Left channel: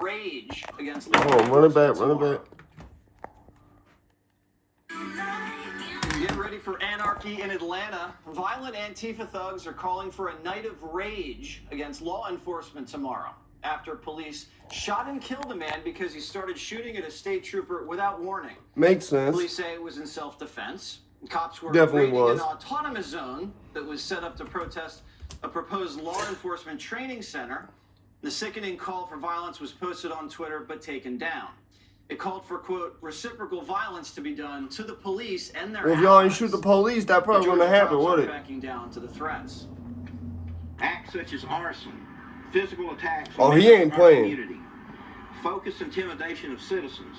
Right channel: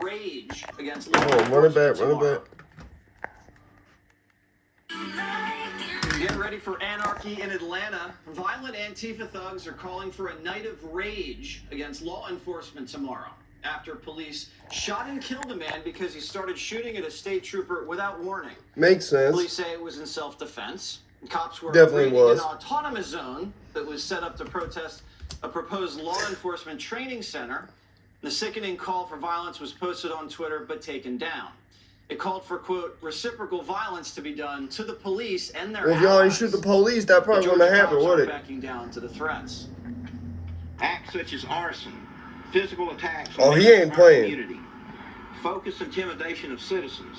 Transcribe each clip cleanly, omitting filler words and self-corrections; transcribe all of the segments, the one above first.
rage against law Run it enforcement back, tomorrow. run it back. Get ready for anarchy in Atlanta. Violent Antifa thugs are calling for a night of rage against law enforcement tomorrow after police shot and killed a man because he started shooting at a state trooper without warning. Makes sense. Police say it was in self-defense. Cops were Definitely raiding was. an autonomous zone that was set up to protest a proposed law enforcement training center. The sickening call for violence was posted on Twitter but taken down. It called for, quote, reciprocal violence to be done to the police and their If y'all ain't allies. shoot the police, that probably The wouldn't Georgia have happened, cops would aren't it? backing down to the threats. Acts such as arson, physical attacks Oh, on he ain't our playing. community, focused intimidation of citizens,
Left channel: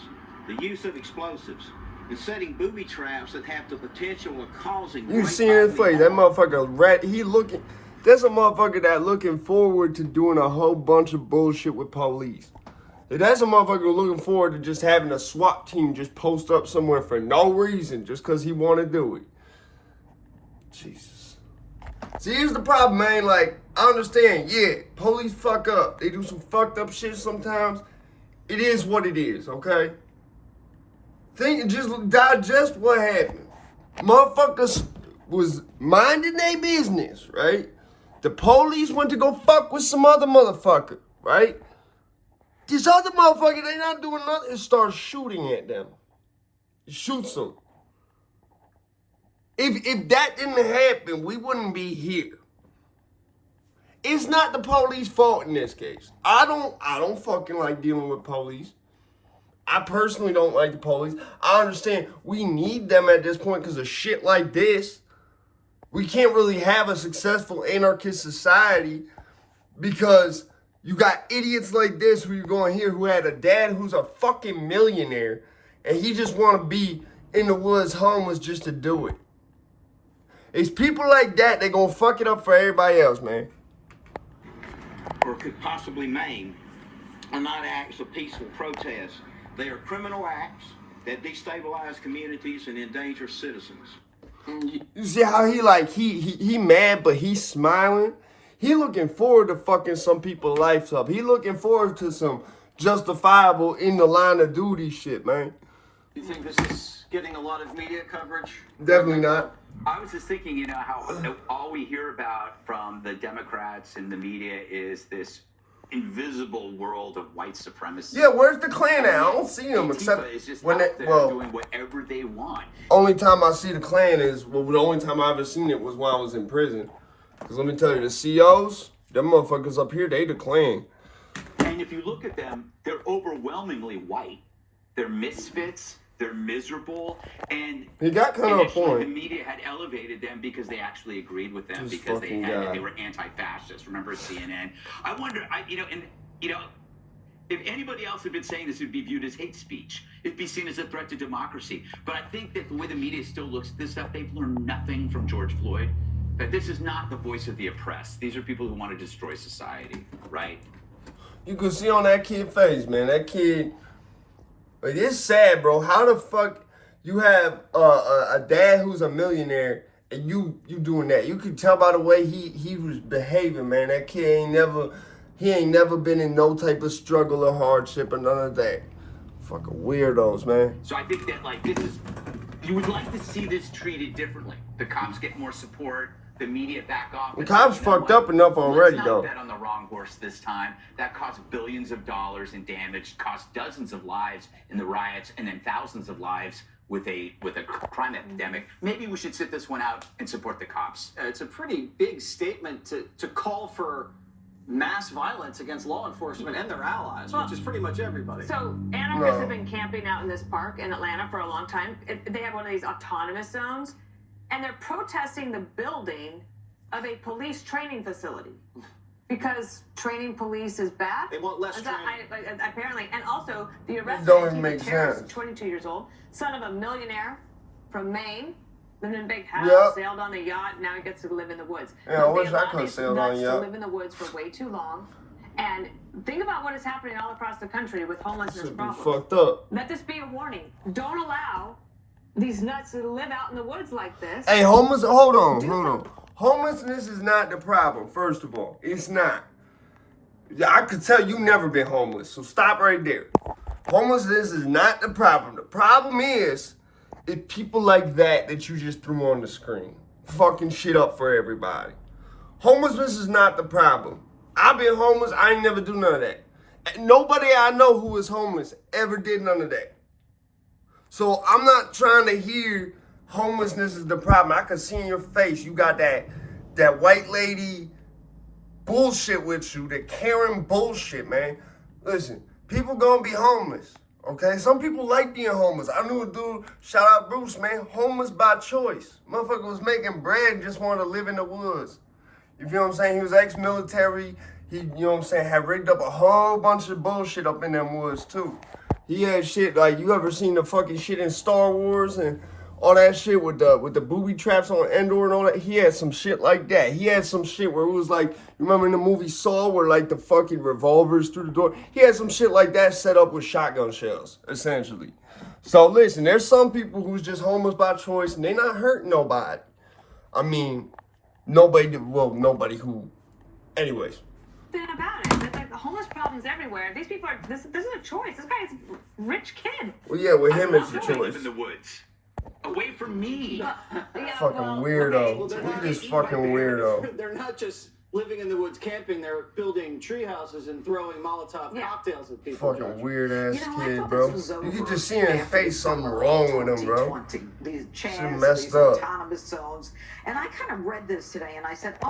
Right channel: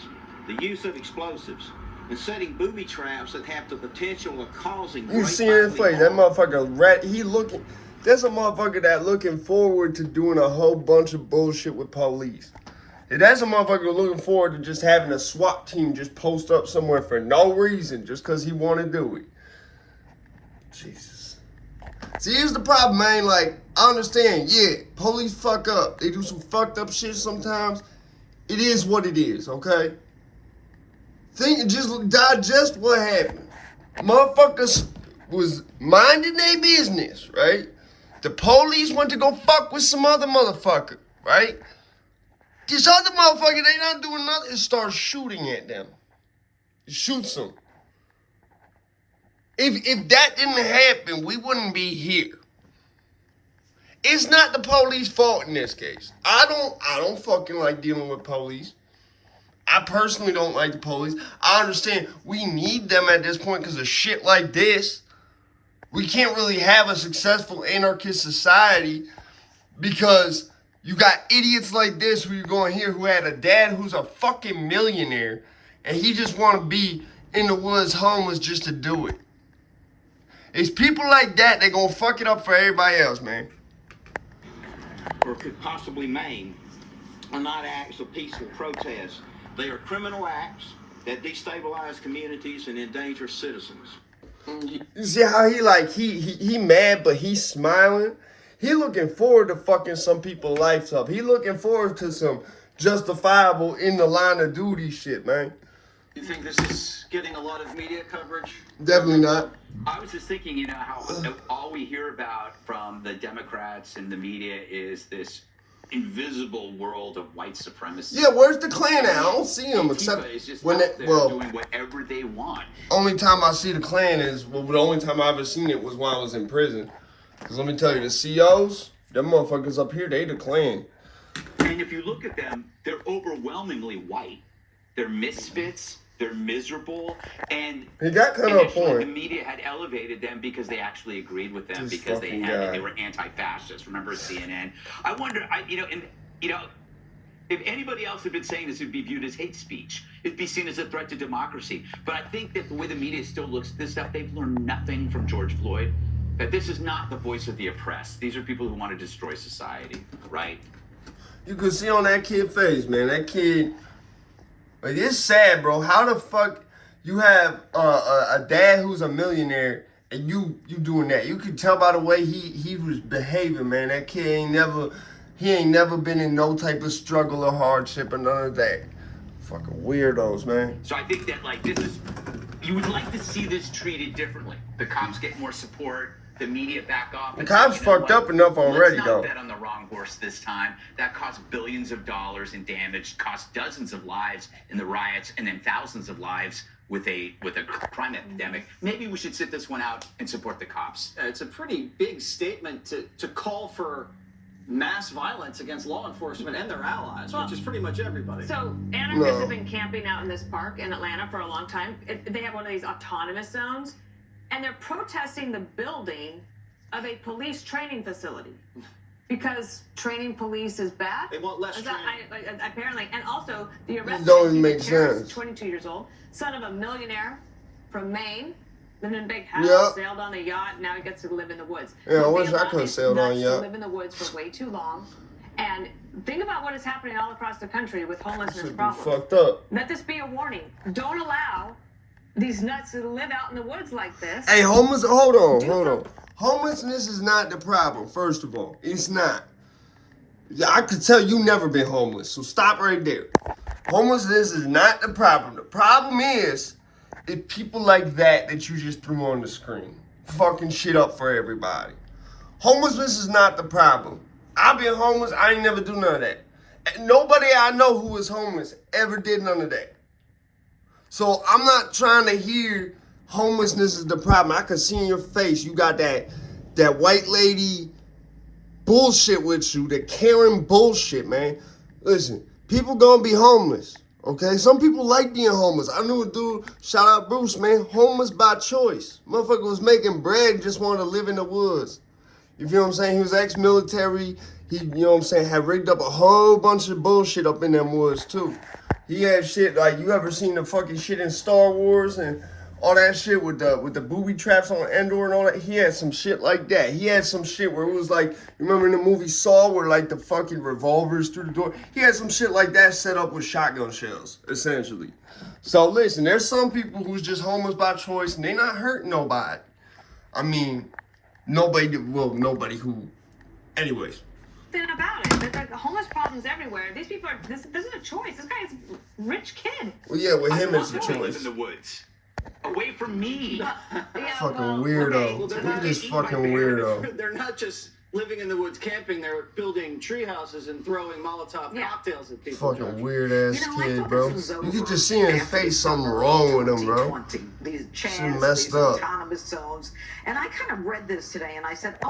the use of explosives, and setting booby traps that have the potential of causing You great see his bodily face, that harm. motherfucker rat. He looking. There's a motherfucker that looking forward to doing a whole bunch of bullshit with police. And that's a motherfucker looking forward to just having a SWAT team just post up somewhere for no reason, just because he want to do it. Jesus. See, here's the problem, man. Like, I understand, yeah, police fuck up. They do some fucked up shit sometimes. It is what it is, okay? Just digest what happened. Motherfuckers was minding their business, right? The police went to go fuck with some other motherfucker, right? This other motherfucker, they not doing nothing, start shooting at them. Shoots them. If that didn't happen, we wouldn't be here. It's not the police fault in this case. I don't fucking like dealing with police. I personally don't like the police. I understand we need them at this point because of shit like this. We can't really have a successful anarchist society because you got idiots like this who you're going here who had a dad who's a fucking millionaire and he just want to be in the woods homeless just to do it. It's people like that that gonna fuck it up for everybody else, man. Or could possibly maim are not acts of peaceful protest. They are criminal acts that destabilize communities and endanger citizens. You see how he mad but he's smiling? He looking forward to fucking some people's lives up. He looking forward to some justifiable in the line of duty shit, man. You think this is getting a lot of media coverage? Definitely not. I was just thinking, you know, how all we hear about from the Democrats and the media is this invisible world of white supremacy. Yeah, where's the Klan at? I don't see him except is just when out they, there doing whatever they want. only time I see the Klan is, well, the only time I ever seen it was when I was in prison. Because let me tell you, the COs, them motherfuckers up here, they the Klan. And if you look at them, they're overwhelmingly white. They're misfits. They're miserable, and He got kind of a initially the point. media had elevated them because they actually agreed with them This because they fucking guy. were anti-fascist. Remember CNN? I wonder, if anybody else had been saying this, it'd be viewed as hate speech. It'd be seen as a threat to democracy. But I think that the way the media still looks at this stuff, they've learned nothing from George Floyd. That this is not the voice of the oppressed. These are people who want to destroy society, right? You can see on that kid's face, man. That kid, like, it's sad, bro. How the fuck you have a dad who's a millionaire and you doing that? You could tell by the way he was behaving, man. That kid ain't never been in no type of struggle or hardship or none of that. Fucking weirdos, man. So I think that, like, you would like to see this treated differently. The cops get more support, the media back off. The cops fucked up enough already, Let's though. not bet on the wrong horse this time. That cost billions of dollars in damage, cost dozens of lives in the riots, and then thousands of lives with a crime epidemic. Maybe we should sit this one out and support the cops. It's a pretty big statement to call for mass violence against law enforcement and their allies, which is pretty much everybody. So anarchists have been camping out in this park in Atlanta for a long time. They have one of these autonomous zones, and they're protesting the building of a police training facility because training police is bad. They want less training. Apparently, and also the arrest Don't of make Antifa terrorist, sense. 22 years old, son of a millionaire from Maine. Lived in a big house, Yep. sailed on a yacht, now he gets to live in the woods. Yeah, I But they wish I allow could've these sailed on a nuts yacht. to live in the woods for way too long. And think about what is happening all across the country with homelessness Should be problems. fucked up. Let this be a warning. Don't allow these nuts to live out in the woods like this. Hey, hold on. Homelessness is not the problem, first of all. It's not. Yeah, I could tell you never been homeless, so stop right there. Homelessness is not the problem. The problem is people like that you just threw on the screen. Fucking shit up for everybody. Homelessness is not the problem. I've been homeless, I ain't never do none of that. And nobody I know who is homeless ever did none of that. So I'm not trying to hear homelessness is the problem. I can see in your face you got that white lady bullshit with you, the Karen bullshit, man. Listen, people gonna be homeless, okay? Some people like being homeless. I knew a dude, shout out Bruce, man, homeless by choice. Motherfucker was making bread and just wanted to live in the woods. You feel what I'm saying? He was ex-military. He, you know what I'm saying, had rigged up a whole bunch of bullshit up in them woods, too. He had shit, like, you ever seen the fucking shit in Star Wars and all that shit with the booby traps on Endor and all that? He had some shit like that. He had some shit where it was like, you remember in the movie Saw where like the fucking revolvers through the door? He had some shit like that set up with shotgun shells, essentially. So listen, there's some people who's just homeless by choice and they not hurting nobody. I mean, nobody who, anyways. About it. The homeless problem's everywhere. These people are. This is a choice. This guy's a rich kid. Well, yeah, with him it's a I live choice. in the woods, away from me. Fucking weirdo. Well, they're Look at not this eating my fucking beer. weirdo. They're not just living in the woods camping. They're building tree houses and throwing Molotov cocktails at people. Fucking weird ass You know, I kid, thought bro. this was You over could just see in his after the face something summer wrong of with him, bro. 2020. These Shit CHAZ, messed these up. autonomous zones. And I kind of read this today and I said, oh,